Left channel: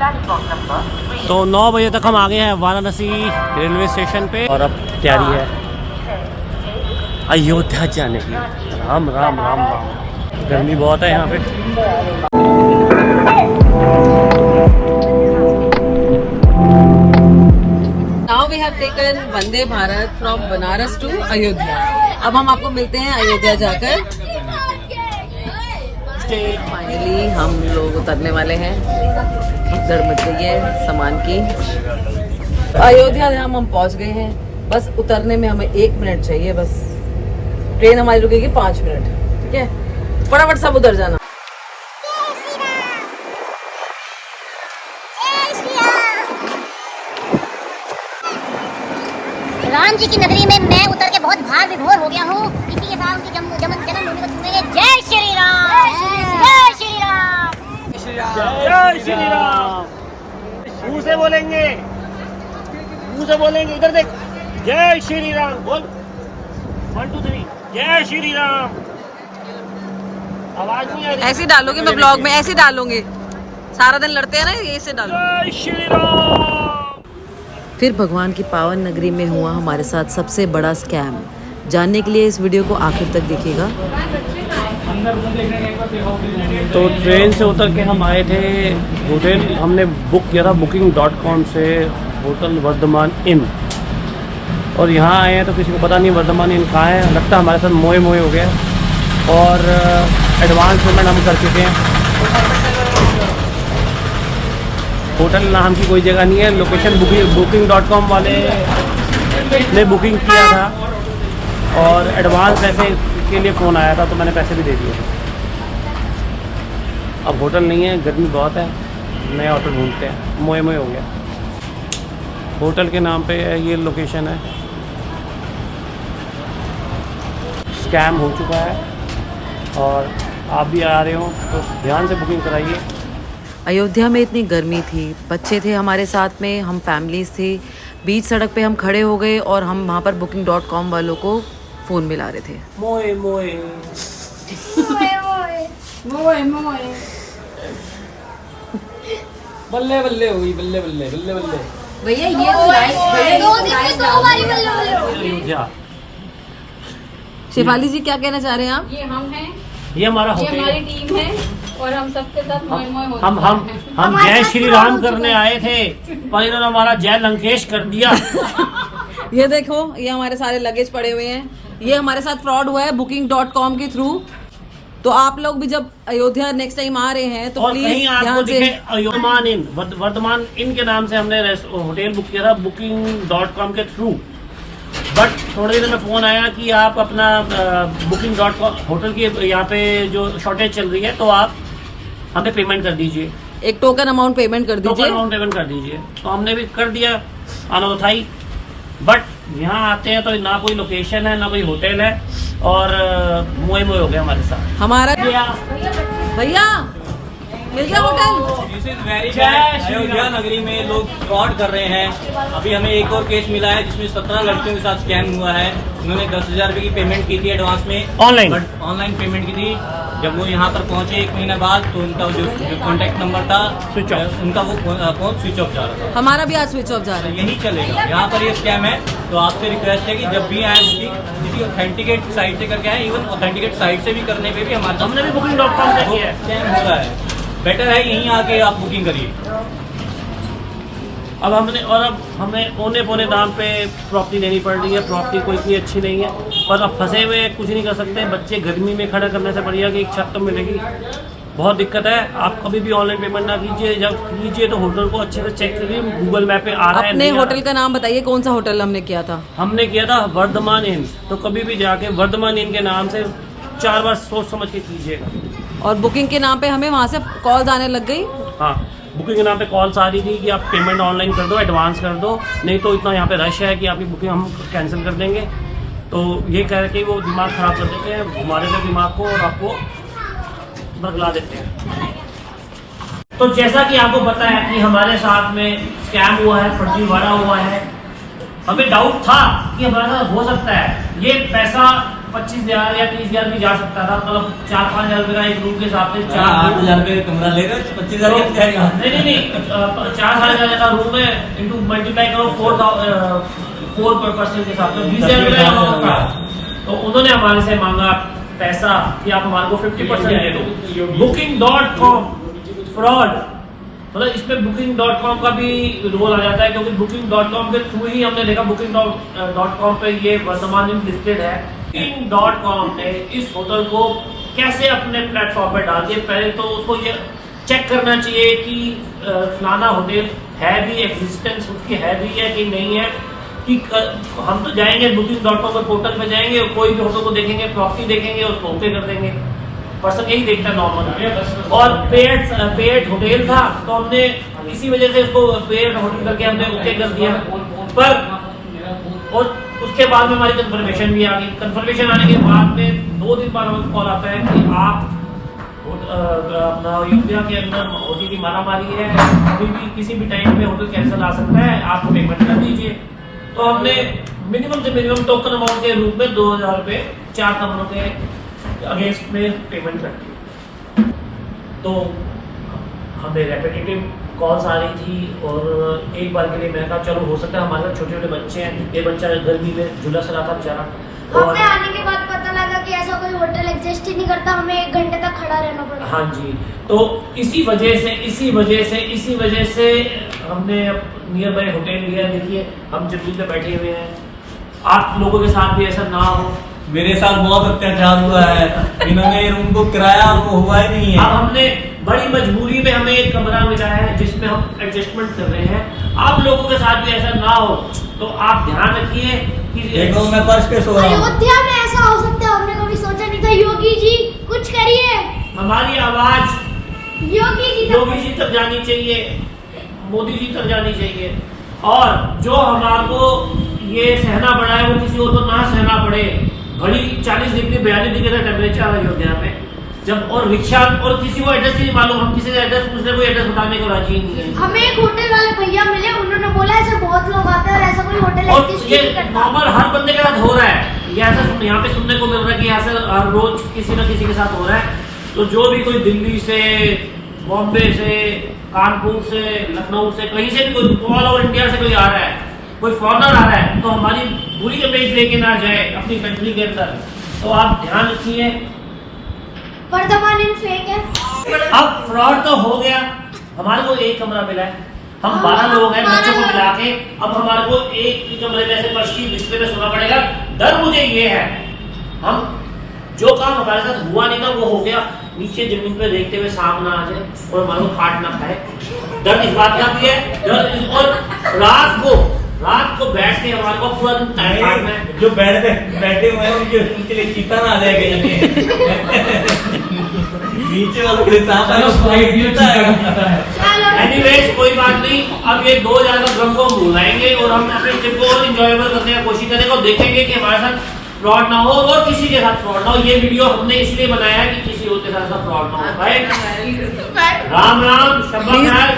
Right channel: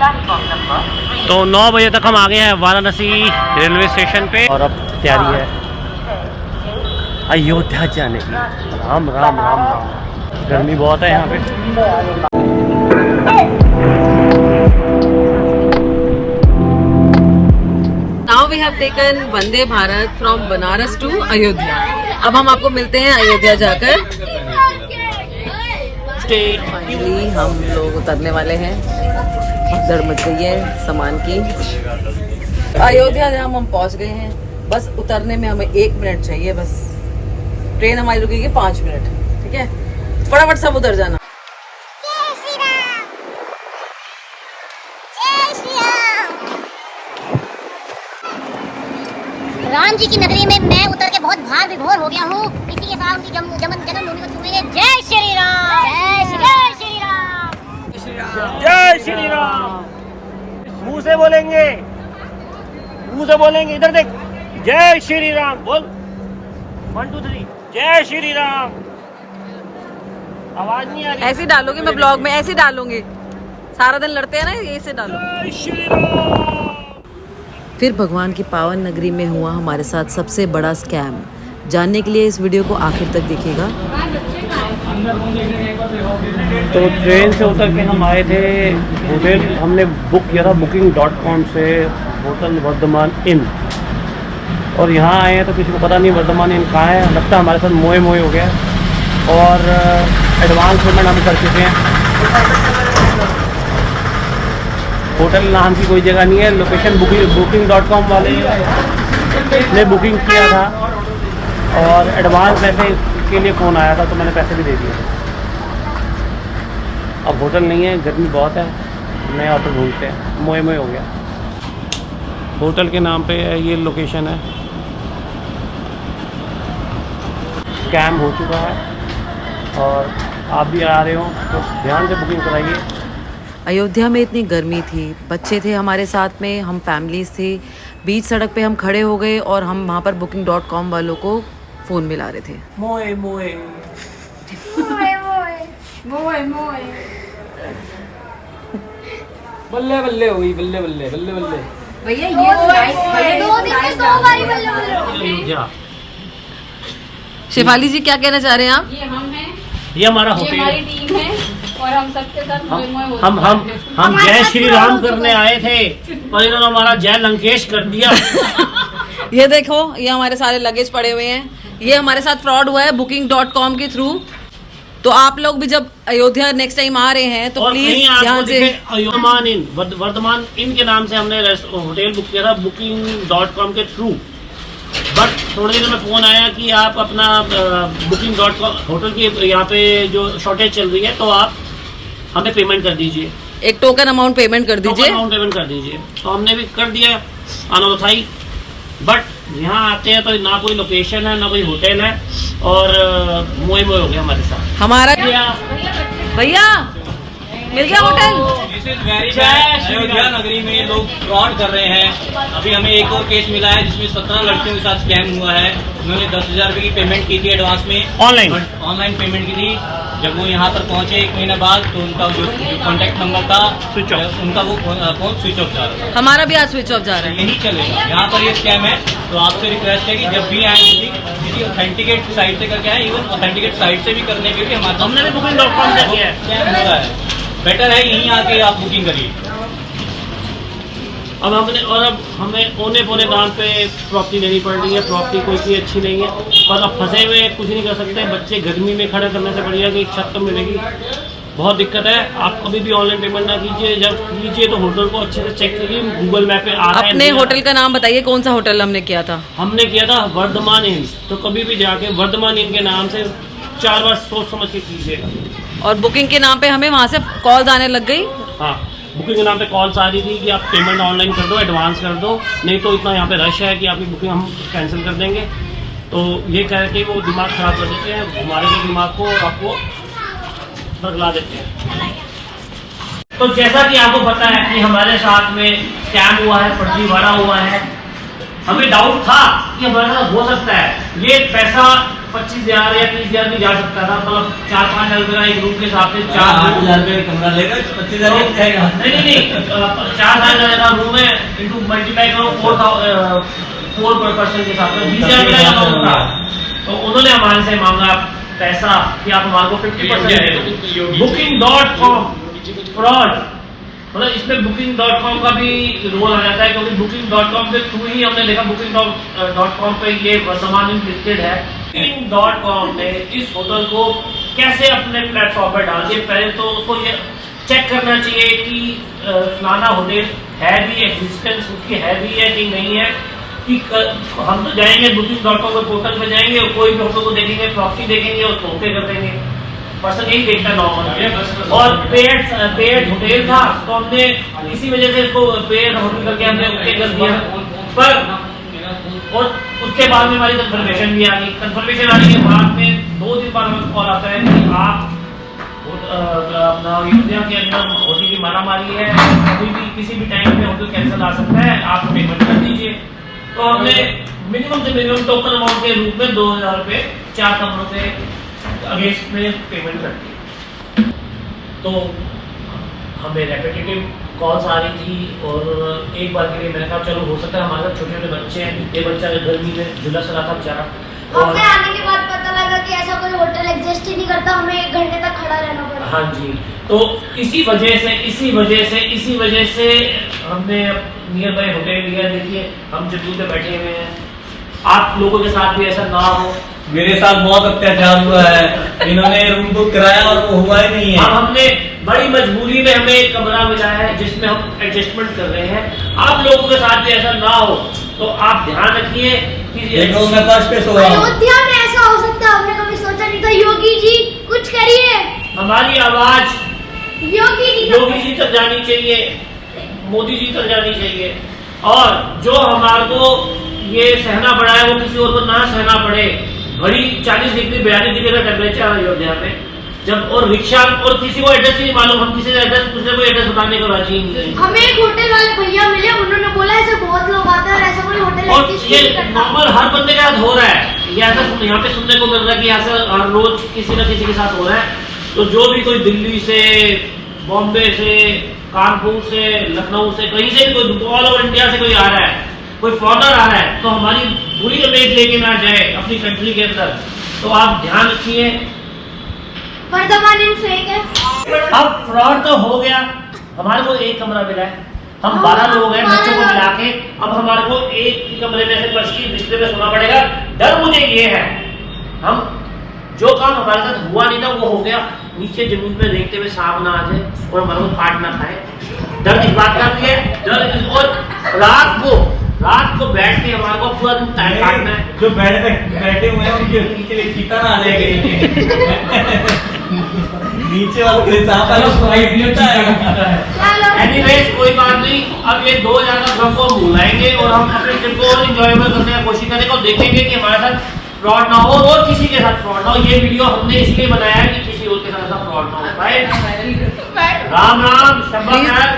तो 9 बजे तक हम आ गए हैं वाराणसी रेलवे स्टेशन पे और अब तैयारी है अयोध्या जाने की। राम राम राम राम, गर्मी बहुत है यहाँ पे। Now we have taken Vande Bharat from Banaras to Ayodhya. अब हम आपको मिलते हैं अयोध्या जाकर। फाइनली हम लोग उतरने वाले हैं। भगदड़ मच गई है सामान की। अयोध्या जहाँ हम पहुँच गए हैं, बस उतरने में हमें 1 मिनट चाहिए। बस ट्रेन हमारी रुकेगी 5 मिनट, ठीक है? फटाफट सब उतर जाना। राम जी की नगरी में मैं उतर के बहुत भार विभोर हो गया हूँ। इसी के साथ उनकी जन्मभूमि को छूएंगे। जय श्री राम, जय श्री राम, जय श्री राम। मुंह से बोलेंगे, मुंह से बोलेंगे। इधर देख, जय श्री राम बोल। 1 2 3 जय श्री राम। आवाज नहीं आ रही। ऐसे डालोगे, मैं ब्लॉग में ऐसे डालूंगी। सारा दिन लड़ते हैं ना, ऐसे डालो। जय श्री राम। फिर भगवान की पावन नगरी में हुआ हमारे साथ सबसे बड़ा स्कैम। जानने के लिए इस वीडियो को आखिर तक देखिएगा। तो ट्रेन से उतर के हम आए थे होटल, हमने बुक किया था booking.com से होटल वर्धमान इन, और यहाँ आए हैं तो किसी को पता नहीं वर्धमान इन कहाँ है। लगता है हमारे साथ मोए हो गया और एडवांस पेमेंट हम कर चुके हैं। होटल नाम की कोई जगह नहीं है। लोकेशन booking.com वाले ने बुकिंग किया था और एडवांस पैसे के लिए फ़ोन आया था, तो मैंने पैसे भी दे दिए। अब होटल नहीं है, गर्मी बहुत है, नए होटल ढूंढते हैं। मोए हो गया। होटल के नाम पे ये लोकेशन है। स्कैम हो चुका है और आप भी आ रहे हो तो ध्यान से बुकिंग कराइए। अयोध्या में इतनी गर्मी थी, बच्चे थे हमारे साथ में, हम फैमिलीज थी। बीच सड़क पे हम खड़े हो गए और हम वहाँ पर booking.com वालों को फ़ोन मिला रहे थे। मोए बल्ले बल्ले हुई, बल्ले बल्ले बल्ले बल्ले। भैया ये 2 दिन में 2 बारी अयोध्या। शिफाली जी क्या कहना चाह रहे हैं आप? ये हम हैं, ये हमारा ये होटल हमारी है। टीम है और हम सबके साथ मोए होते हम जय श्री राम करने आए थे, पर इन्होंने हमारा जय लंकेश कर दिया। ये देखो, ये हमारे सारे लगेज पड़े हुए हैं। ये हमारे साथ फ्रॉड हुआ है booking.com के थ्रू। तो आप लोग भी जब अयोध्या नेक्स्ट टाइम आ रहे हैं तो प्लीज ध्यान से। वर्धमान इन के नाम से हमने होटल बुक किया था booking.com के थ्रू, बट थोड़ी देर में फ़ोन आया कि आप अपना booking.com होटल की यहाँ पे जो शॉर्टेज चल रही है, तो आप हमें पेमेंट कर दीजिए, एक टोकन अमाउंट पेमेंट कर दीजिए। अमाउंट पेमेंट कर दीजिए। तो हमने भी कर दिया अनोथाई, बट यहाँ आते हैं तो ना कोई लोकेशन है ना कोई होटल है और मोए हो गया हमारे साथ। हमारा भैया मिल गया hotel. This is very bad. Ayodhya नगरी में लोग फ्रॉड कर रहे हैं। अभी हमें एक और केस मिला है जिसमें 17 लड़कियों के साथ स्कैम हुआ है। उन्होंने 10,000 रुपये की पेमेंट की थी एडवांस में, ऑनलाइन पेमेंट की थी। जब वो यहाँ पर पहुँचे 1 महीने बाद, तो उनका जो कॉन्टैक्ट नंबर था स्विच ऑफ, उनका वो फोन स्विच ऑफ जा रहा था। हमारा भी आज स्विच ऑफ जा रहा है। यही चलेगा, यहाँ पर ये स्कैम है। तो आपसे रिक्वेस्ट है कि जब भी आए किसी ऑथेंटिकेट साइट से करके आए, इवन ऑथेंटिकेट साइट से भी करने पे भी हमारे हमने भी booking.com से किया है। स्कैम हो रहा है। बेटर है यहीं आके आप बुकिंग करिए। अब हमें औने पौने दाम पे प्रॉपर्टी लेनी पड़ रही है। प्रॉपर्टी कोई की अच्छी नहीं है, पर अब फंसे हुए कुछ नहीं कर सकते। बच्चे गर्मी में खड़ा करने से बढ़िया कि एक छत तो मिलेगी। बहुत दिक्कत है। आप कभी भी ऑनलाइन पेमेंट ना कीजिए, जब कीजिए तो होटल को अच्छे से चेक करिए। गूगल मैप पे आ रहा है। अपने होटल का नाम बताइए, कौन सा होटल हमने किया था? हमने किया था वर्धमान इन। तो कभी भी जाके वर्धमान इन के नाम से 4 बार सोच समझ के कीजिएगा। और बुकिंग के नाम पे हमें वहाँ से कॉल आने लग गई। हाँ, बुकिंग के नाम पे कॉल्स आ रही थी कि आप पेमेंट ऑनलाइन कर दो, एडवांस कर दो, नहीं तो इतना यहाँ पे रश है कि आपकी बुकिंग हम कैंसिल कर देंगे। तो ये कह के वो दिमाग ख़राब कर देते हैं, घुमा देते दिमाग को और आपको बदला देते हैं। तो जैसा कि आपको पता है कि हमारे साथ में स्कैम हुआ है, फर्जीवाड़ा हुआ है। हमें डाउट था कि हमारे साथ हो सकता है। ये पैसा 25,000 या 30,000 भी जा सकता था, मतलब 4-5 हजार रुपये का एक रूम के हिसाब से 8,000 रुपये का कमरा लेगा 25,000 में जाएगा। नहीं 4,000 का रूम है, इंटू मल्टीप्लाई करो 4 पर्सन के हिसाब से 20,000 रुपये का अमाउंट था। तो उन्होंने हमारे से मांगा पैसा कि आप हमारे को 50% दे दो। Booking.com फ्रॉड, मतलब इसमें Booking.com का भी रोल आ जाता है, क्योंकि Booking.com के थ्रू ही हमने देखा Booking.com पे ये वर्तमान में लिस्टेड है। Booking.com ने इस होटल को कैसे अपने प्लेटफॉर्म पर डाल दिया। पहले तो उसको ये चेक करना चाहिए कि फलाना होटल है भी, एग्जिस्टेंस उसकी है भी है कि नहीं है। कि हम तो जाएंगे Booking.com के पोर्टल पे जाएंगे और कोई भी होटल को देखेंगे, प्रॉपर्टी देखेंगे, उसको ओके कर देंगे। पर्सन यही देखता है नॉर्मल। और पेड होटल था तो हमने इसी वजह से इसको पेड होटल करके हमने ओके कर दिया। पर और उसके बाद में हमारी कंफर्मेशन भी आ गई। कंफर्मेशन आने के बाद में 2 दिन बाद हमें कॉल आता है कि आप अपना अयोध्या के अंदर होटल की मारामारी है, कभी भी किसी भी टाइम पे होटल कैंसिल आ सकता है, आप पेमेंट कर दीजिए। तो हमने मिनिमम से मिनिमम टोकन अमाउंट के रूप में 2,000 रुपये 4 कमरों के अगेंस्ट में पेमेंट कर दी। तो हमें रेपिटेटिव कॉल्स आ रही थी और एक बार के लिए मैंने कहा चलो हो सकता है हमारे साथ छोटे छोटे बच्चे हैं, ये बच्चा गर्मी में झुलस रहा था बेचारा। और हमें आने के बाद पता लगा कि ऐसा कोई होटल एग्जिस्ट ही नहीं करता, हमें 1 घंटे तक खड़ा रहना पड़ा। हाँ जी, तो इसी वजह से हमने नियर बाय होटल लिया। देखिए हम जम्मू पे बैठे हुए हैं, आप लोगों के साथ भी ऐसा ना हो। मेरे साथ बहुत अत्याचार हुआ है, इन्होंने रूम बुक कराया और वो हुआ ही नहीं है। अब हमने बड़ी मजबूरी में हमें एक कमरा मिला है जिसमें हम एडजस्टमेंट कर रहे हैं। आप लोगों के साथ भी ऐसा ना हो तो आप ध्यान रखिए कि देखो मैं फर्श पे सो रहा हूँ। अयोध्या में ऐसा हो सकता है, हमने कभी सोचा नहीं था। योगी जी कुछ करिए, हमारी आवाज योगी जी तक जानी चाहिए, मोदी जी तक जानी चाहिए। और जो हमारे को ये सहना पड़ा है वो किसी और को ना सहना पड़े। घड़ी 40 डिग्री 42 डिग्री का टेम्परेचर है अयोध्या में। जब और रिक्शा और किसी को एड्रेस ही नहीं मालूम, हम किसी से एड्रेस पूछने को एड्रेस बताने को राजी नहीं है। हमें एक होटल वाले भैया मिले, उन्होंने बोला ऐसे बहुत लोग आते हैं और ऐसा कोई होटल और एग्जिस्ट ये नहीं करता। नॉर्मल हर बंदे के साथ हो रहा है। ये ऐसा यहाँ पे सुनने को मिल रहा है कि ऐसा हर रोज किसी न किसी के साथ हो रहा है। तो जो भी कोई दिल्ली से, बॉम्बे से, कानपुर से, लखनऊ से, कहीं से भी कोई ऑल ओवर इंडिया से कोई आ रहा है, कोई फॉरनर आ रहा है, तो हमारी बुरी इमेज लेके ना जाए अपनी कंट्री के अंदर। तो आप ध्यान रखिए। वर्धमान इन फेक है। अब फ्रॉड तो हो गया, हमारे को एक कमरा मिला है, हम 12 लोग हैं बच्चों को मिला के। अब हमारे को एक ही कमरे में से फर्श की बिस्तर में सोना पड़ेगा। डर मुझे ये है, हम जो काम हमारे साथ हुआ नहीं था वो हो गया, नीचे जमीन पे देखते हुए सांप ना आ जाए और हमारे को काट ना खाए। डर इस बात का भी है, और रात को बैठ के हमारे को पूरा दिन टाइम काटना है। जो बेड पे बैठे हुए हैं उनके लिए चीता ना ले गए नीचे वालों के साथ एनीवेज कोई बात नहीं। अब ये 2,000 का गम को हम भुलाएंगे और हम अपने ट्रिप को और इंजॉयबल करने की कोशिश करेंगे और देखेंगे कि हमारे साथ फ्रॉड ना हो और किसी के साथ फ्रॉड ना हो। ये वीडियो हमने इसलिए बनाया है कि किसी और के साथ ऐसा फ्रॉड ना हो। भाई राम राम, शब्बा खैर,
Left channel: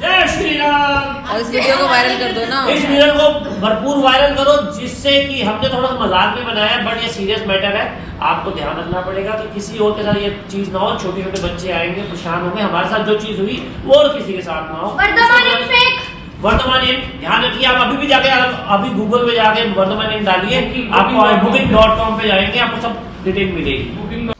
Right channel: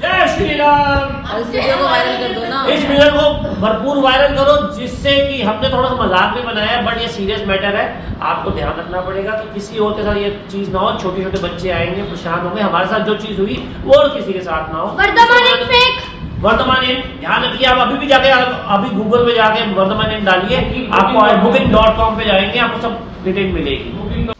जय श्री राम। और इस वीडियो को वायरल कर दो ना। इस वीडियो को भरपूर वायरल करो, जिससे कि हमने थोड़ा सा मजाक में बनाया है बट ये सीरियस मैटर है। आपको ध्यान रखना पड़ेगा कि किसी और के साथ ये चीज ना हो। छोटे छोटे बच्चे आएंगे, परेशान होंगे, हमारे साथ जो चीज हुई वो और किसी के साथ ना हो। वर्धमान इन ध्यान रखिए। आप अभी भी जाके अभी गूगल पे जाके वर्धमान इन डालिए, आपको Booking.com पे जाएंगे, आपको सब डिटेल मिलेगी।